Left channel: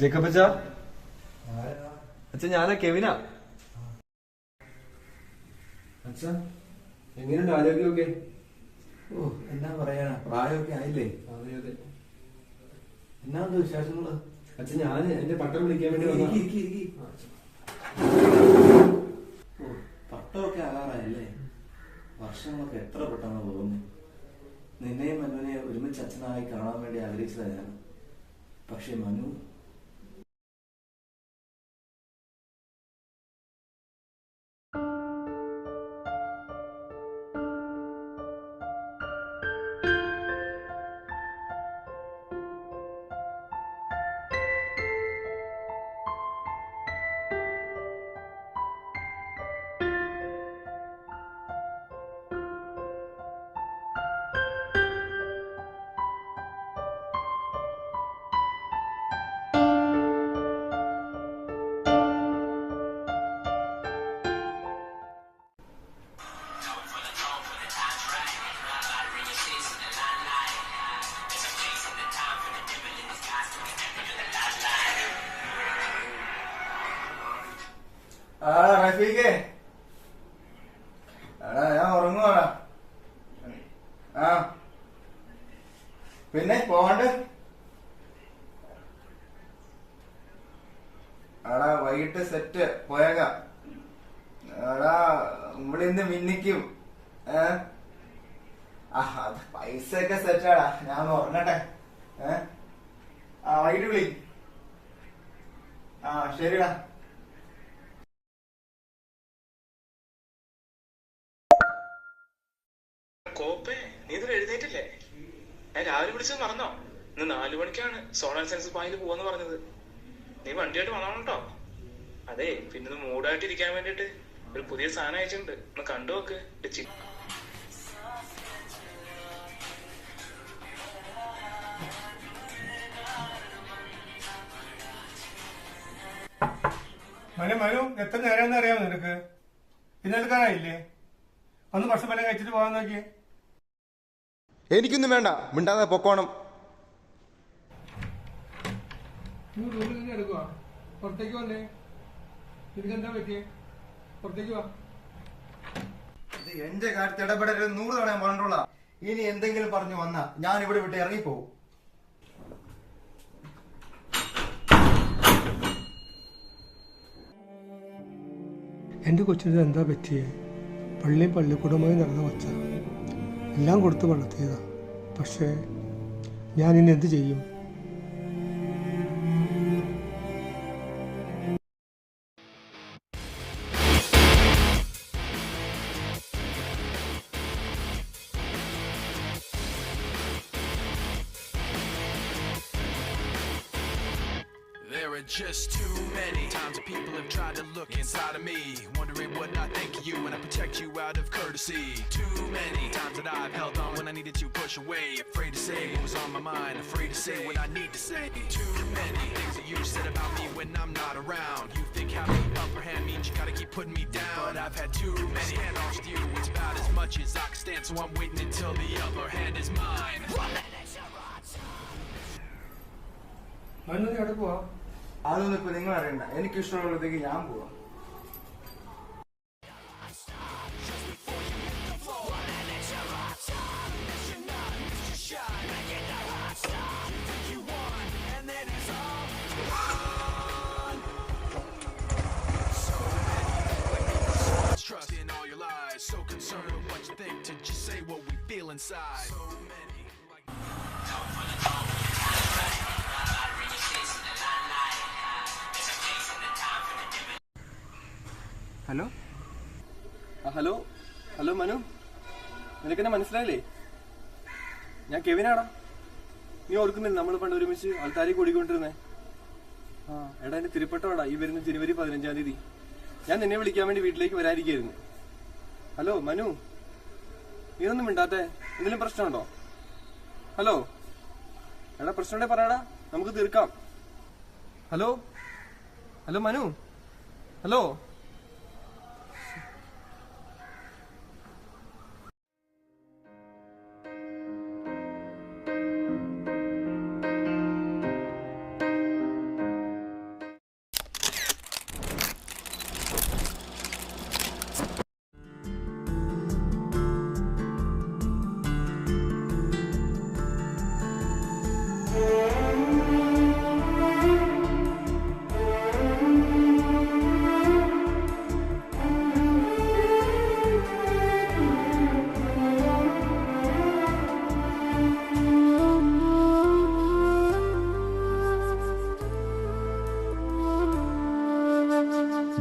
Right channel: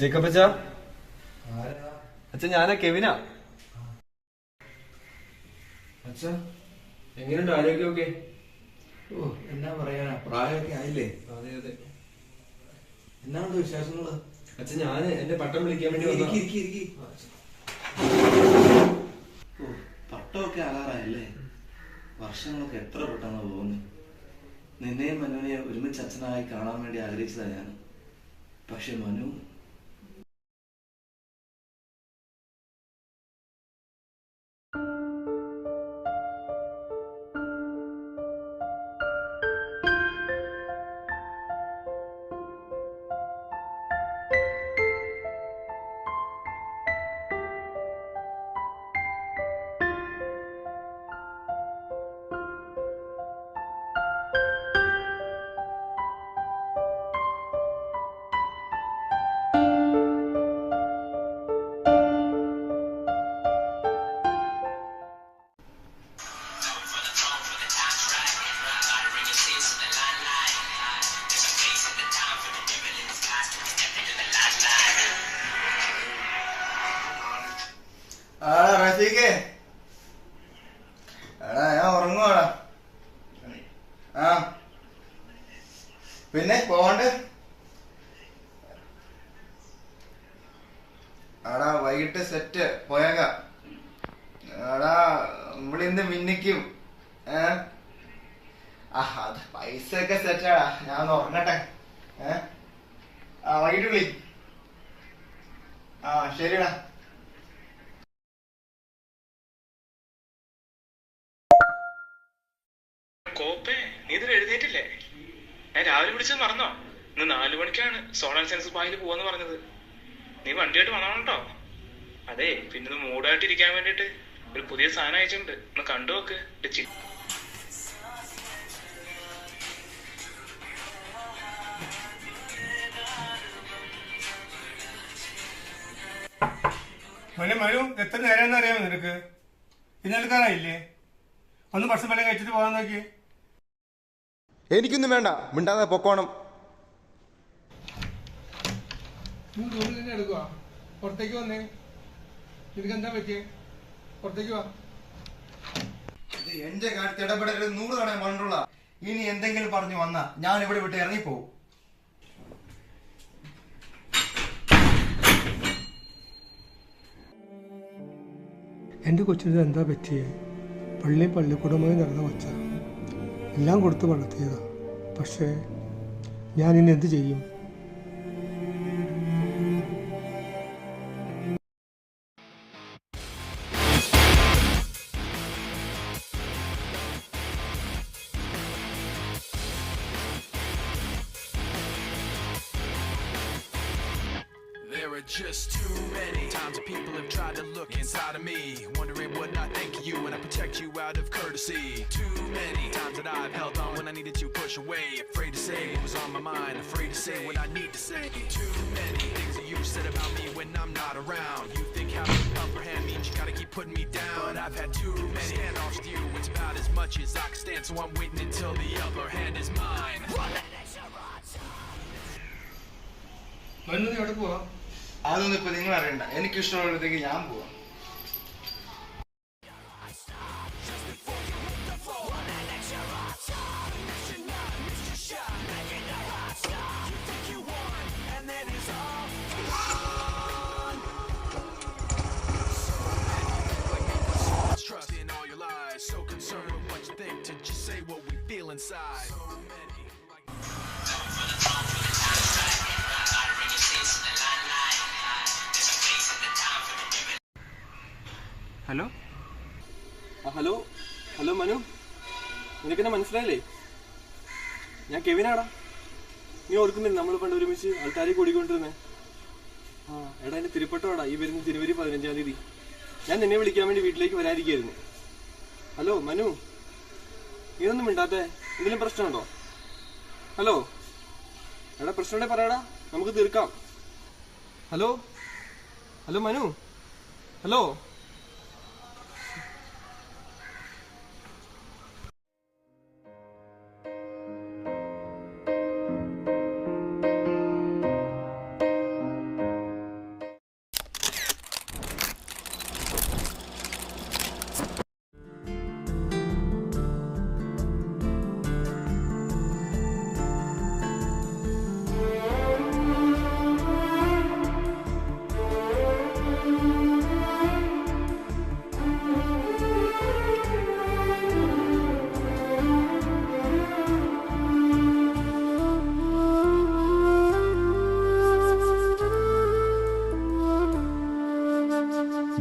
Jacob അച്ഛാ, അച്ഛാ ഞാനാ കെവിനാ. അച്ഛാ എങ്ങനെയുണ്ട് ആരോഗ്യമൊക്കെ? ഓ എന്നാ പറയാനാ, പ്രായമൊക്കെ ആയില്ലേ? അതെ അതെ. എന്നാണ്ട് വിശേഷങ്ങള്? അച്ഛൻ ഞാൻ എന്റെ പട്ടം വിളിക്കാൻ വേണ്ടി പട്ടമൊക്കെ ആകാറായല്ലേ? വർഷങ്ങളൊക്കെ എത്ര പെട്ടെന്ന് പോകുന്നു. നിന്നെയും മനുവിനെയും ഒരുമിച്ച് അച്ഛനായി കാണാൻ വേണ്ടി ആഗ്രഹിച്ചതാ ഞാൻ. പക്ഷെ മനു റഫീഖേ, എടാ ഞാൻ ഉറങ്ങുവാടാ. ആ പിന്നെ പോകണ്ടേ? എടാ വൈകിട്ട് സെറ്റ് പോയേക്കാം. എടാ നമ്മളിന്ന് മിന്നിക്കും. അത് പൈസ ഒക്കെ സെറ്റാടാ. ഞാൻ ഒന്ന് ഉറങ്ങട്ടെ. വൈകിട്ട് വിളി. ശരിടാ. കോപ്പേ, നീ ഇതിൽ എഴുന്നേറ്റില്ലേ? ഞാൻ രാവിലെ വിളിച്ചത് മറന്നോ? ഇന്ന് 4 മണിക്കാണ് സോണൽ സെൻസ് പായിൽ പോവാന്ന് പറഞ്ഞത്. നീ വണ്ടിയായിട്ട് വന്നോളൂ കേട്ടോ. അതെ, പിന്നെ മൂഡായിട്ട് ഇരിക്കാൻ വേണ്ടിട്ട് ഒരു പുതിയ സാധനം അയച്ചിട്ടുണ്ട്, ഒന്ന് കണ്ടു നോക്ക്. മനു എത്ര നേരം അറിയാമോ നിനക്ക്? ഇന്നെടുക്കാനായില്ലേ? ഒന്ന് ഭക്ഷണം പള്ളി കഴിച്ചിട്ട് പോകാൻ നോക്കിയേ. എനിക്കൊന്നും വേണ്ട, മിണ്ടാതെ പൊക്കോണം. റൂമിൽ തന്നെ എടുക്കുക. പുറത്തേക്ക് വന്നേ. നിനക്ക് എന്താ പറ്റിയേ? പുറത്തേക്ക് വാ. ഇത് എന്റെ കാര്യത്തിൽ ഇടപെടരുത്. 100 തവണ പറഞ്ഞുള്ള. ഇനി എന്തെങ്കിലും പറഞ്ഞു വന്നാ ഞാൻ ഇവിടെ വിട്ട് ഇറങ്ങിപ്പോവും. എൻ്റെ കൊച്ചിന് എന്താ പറ്റിയേ? പള്ളിക്കൂടമായി നടന്ന വച്ച എല്ലാം കൊടുത്ത് വളർത്തിയതാ. പക്ഷേ ഞാൻ ഇനി എന്ത് ചെയ്യും? There are just too many times that people have tried to look inside of me, wondering what I think of you and I protect you out of courtesy. Too many times that I've held on when I needed to push away, afraid to say what was on my mind, afraid to say what I need to say. Too many things that you said about me when I'm not around. You think having the upper hand means you gotta keep putting me down, but I've had too many standoffs with you. It's about as much as I can stand, so I'm waiting until the upper hand is mine. Manu എവിടെ പോവാ? അതൊന്നും ഇപ്പൊ നിങ്ങൾ അറിയണ്ട. എനിക്ക് ഇഷ്ടമുള്ളടത്തേക്ക് ഞാൻ പോവാം. Trust in all your lies, so concerned with what you think to just say what we feel inside. So many hello hello hello Manu, നിനക്കെന്നെ മനസ്സിലായില്ലേ? ഞാൻ കെവിനാടാ. നീ ഓർക്കുന്നില്ല നമ്മൾ പണ്ട് ഒരുമിച്ച് ആൾക്കാരെ കൂടിക്കൊണ്ടിരുന്നേ? എടാ എന്റെ തിരുപ്പട്ടോടാ ഈ വരുന്ന ജനുവരി 15-ാം തീയതി. ഞാൻ നിന്നെ വിളിക്കാൻ വേണ്ടി വീട്ടിലേക്ക് വരാതിരിക്കായിരുന്നു. ഹലോ മനു, നീയൊന്നും മിണ്ടാത്തെ? എന്തെങ്കിലും പ്രശ്നമുണ്ടോ? ഹലോ എടാ, പ്രശ്നമുണ്ടെ പറയടാ, നമുക്ക് തീർക്കാം. Hello hello Manu, hello.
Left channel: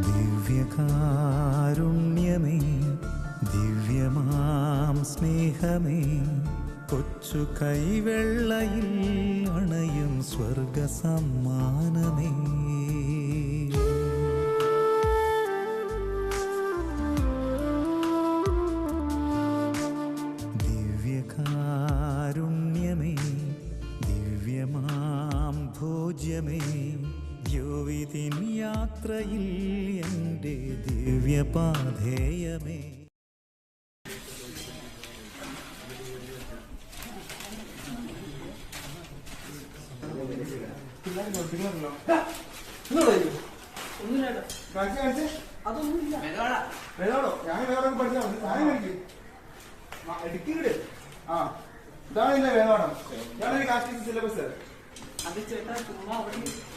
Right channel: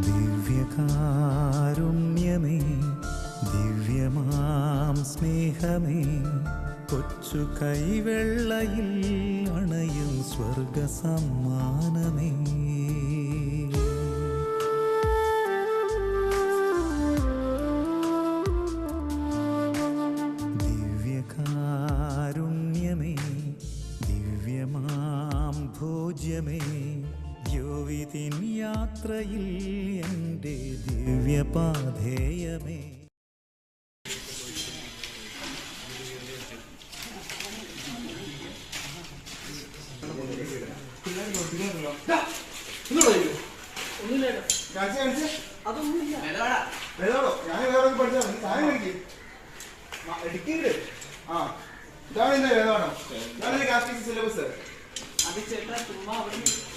ദിവ്യകാരുണ്യമേ, ദിവ്യമാം സ്നേഹമേ, കൊച്ചു കൈവെള്ളയിൽ അണയും സ്വർഗ സമ്മാനമേ. ദിവ്യകാരുണ്യമേ, ദിവ്യമാം ഭോജ്യമേ, ദ്യോവിതിൻ യാത്രയിൽ എൻ്റെ ദിവ്യപാധേയമേ.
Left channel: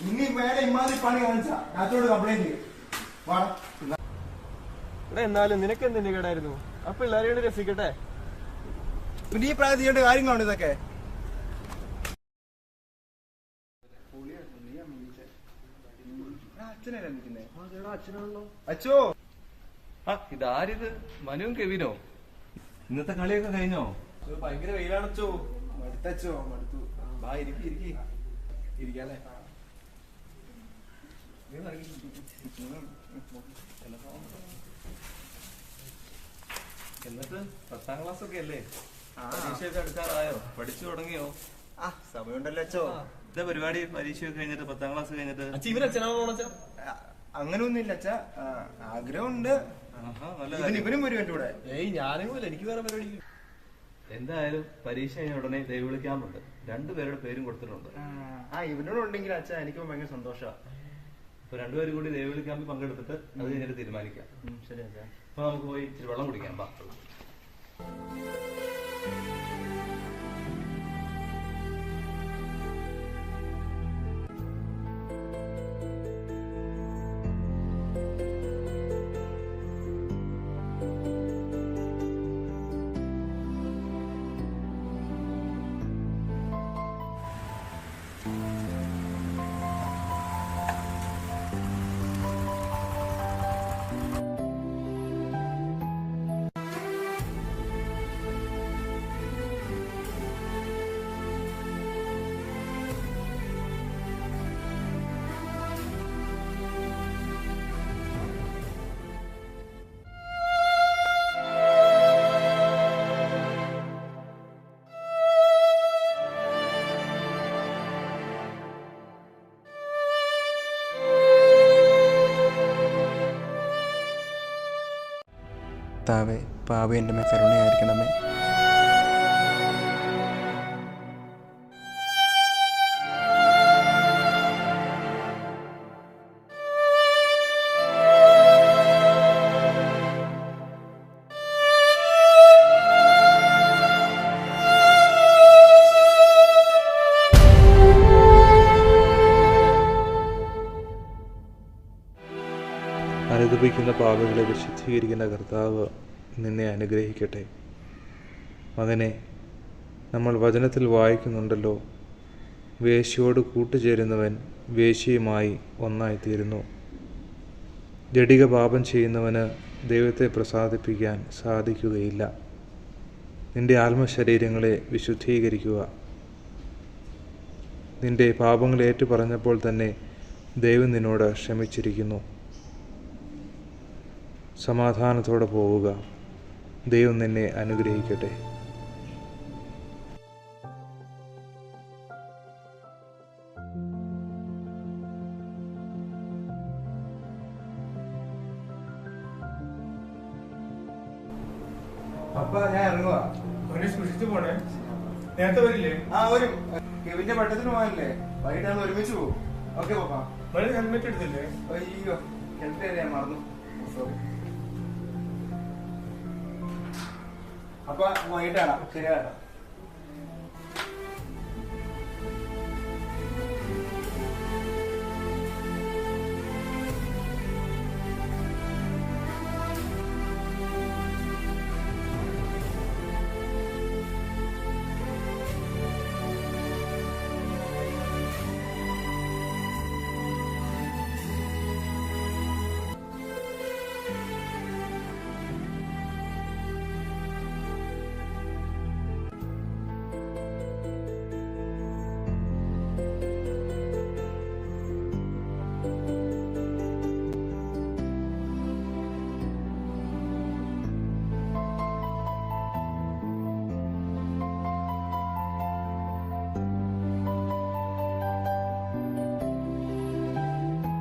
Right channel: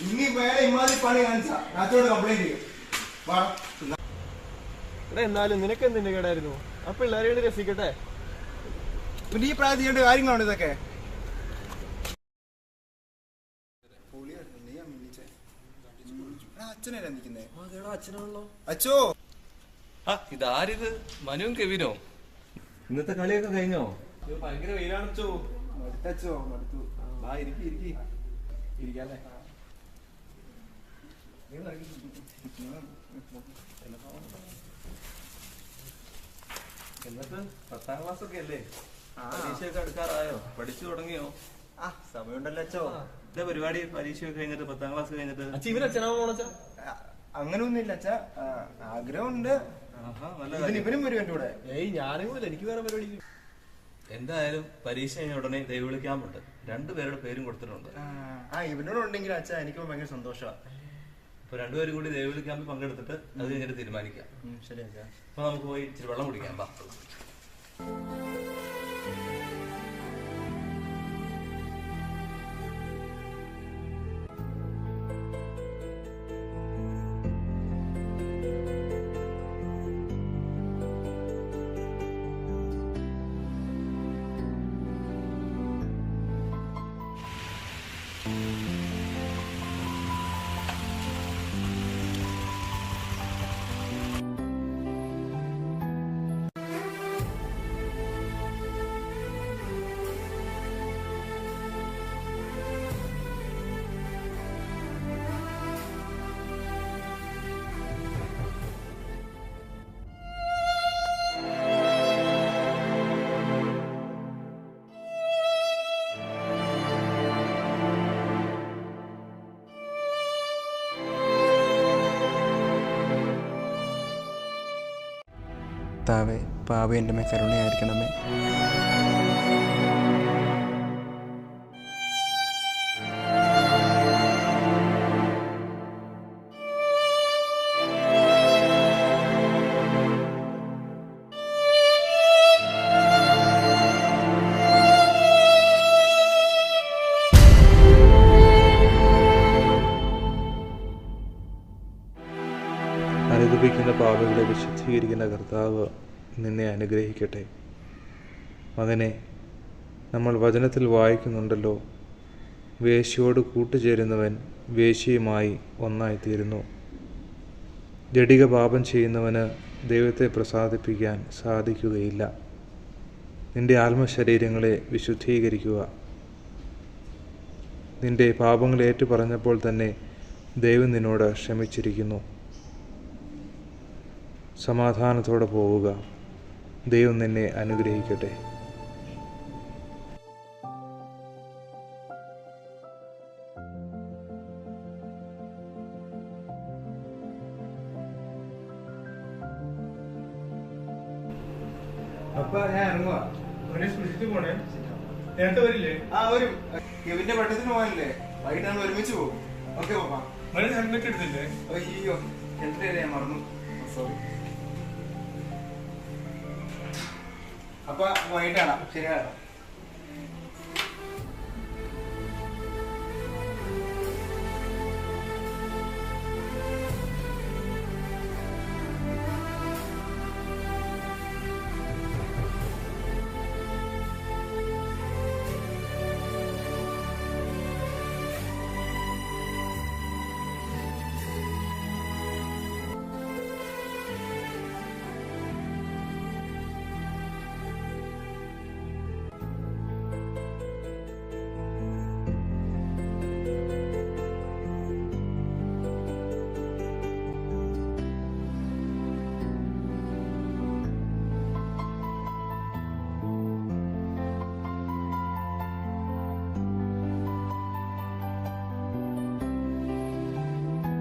ഇനി വേറെ ഇമാതിരി പണി കാണിച്ചാ നാത്തോട് കംപ്ലൈന്റ് ചെയ്യും. എടാ എന്നാലും നിനക്ക് എന്തിന്റെ കേടായിരുന്നു? ആ പിള്ളേരെ രസിക്കട്ടെ. പിന്നെ ഈ പ്രായം ചെയ്യേണ്ട കാര്യങ്ങളാണ് ഇതൊക്കെ. അച്ഛനല്ലേ നിൽക്കുന്നേ? അച്ഛോ, ഇതാരിത്? മനുവും കെവിനോ? ഇന്നത്തെ കളിയൊക്കെ കഴിഞ്ഞോ? ഭയങ്കര വെയിലാണച്ചോ. മടുത്തച്ചോ, മടുത്തു. വാ, ഇരിക്കാല്ലേ. എന്നിട്ട് 10ാം ക്ലാസ് ഒക്കെ അല്ലേ? പരീക്ഷയൊക്കെ എടുക്കാറായോ? പഠിച്ചു തുടങ്ങിയോ? സമയമുണ്ടല്ലോ അച്ഛോ. എന്താ പരിപാടി? പരീക്ഷയൊക്കെ കഴിഞ്ഞിട്ട് 10ാം ക്ലാസ് കഴിഞ്ഞിട്ട് ഇവരച്ഛനാണോണച്ചാ? അങ്ങനൊന്നുമില്ല അച്ഛാ, ആഗ്രഹമുണ്ട്. ഇവനും വരും എന്റെ കൂടെ. ഞാനും എനിക്ക് വേറെ പരിപാടി. എന്തായാലും പരീക്ഷ കഴിഞ്ഞ ഉടനെ ദൈവവിളി ക്യാമ്പുണ്ട്. 2 പേരുടെ പേരും കൊടുത്തിട്ടുണ്ട്. ഇവനോടുണ്ടെങ്കിൽ അച്ഛാ എനിക്ക് ഭയങ്കര സന്തോഷമാണ്. അപ്പൊ 2 പേരും കൂടി ദൈവവിളി ക്യാമ്പിൽ പങ്കെടുത്തിട്ട് അത് കഴിഞ്ഞിട്ട് തീരുമാനിക്കാം. ശരി അച്ഛാ. അപ്പൊ നമുക്ക് പോയി ഇച്ചിരി വെള്ളം കുടിക്കാം. ബാ. കർത്താവേ, പാവി എൻ്റെ മേൽ കരുണയായിരിക്കണമേ. അനുദപിക്കുന്ന പാപികളെ വിശുദ്ധീകരിക്കുന്ന കർത്താവ് നിന്നെ അനുഗ്രഹിക്കട്ടെ. മകനെ, നമ്മൾ വചനത്തിൽ വായിക്കുന്നുണ്ടല്ലോ, വേശ്യയോട് കൂട്ടുചേരുന്നവൻ വേശ്യയുമായി ഒന്നായിത്തീരുന്നു. ജഡിക പാപം ചെയ്യുന്നവന് ദൈവത്തെ പ്രസാദിപ്പിക്കാൻ സാധിക്കുകയില്ല. നിന്റെ ആത്മശരീരങ്ങളെ വിശുദ്ധീകരിക്കുക. നിന്റെ പാപങ്ങൾ ഏറ്റുപറഞ്ഞപ്പോൾ തന്നെ ദൈവം നിന്നോട് ക്ഷമിച്ചിരിക്കുന്നു. സമാധാനത്തോടെ പോവുക. ദൈവം നിന്നെ അനുഗ്രഹിക്കട്ടെ. അപ്പൊ ഞാൻ ഇറങ്ങുവാ. സൂക്ഷിച്ചു പോണേ. നേരത്തെ വരില്ലേ? വരും. കെവിന്റെ പട്ടത്തിന് പോകാനല്ലേ? വൈകിട്ട് നമ്മൾ ഒരുമിച്ച് പോകും. ഓക്കെ പാപ്പാ. ഹെൽമെറ്റ് എടുത്തില്ലേ? അയ്യോ, ഹെൽമെറ്റ് ഞാൻ മറന്നു. സോറി. അപ്പൊ വൈകിട്ടാണ്. ശരിയാണ്.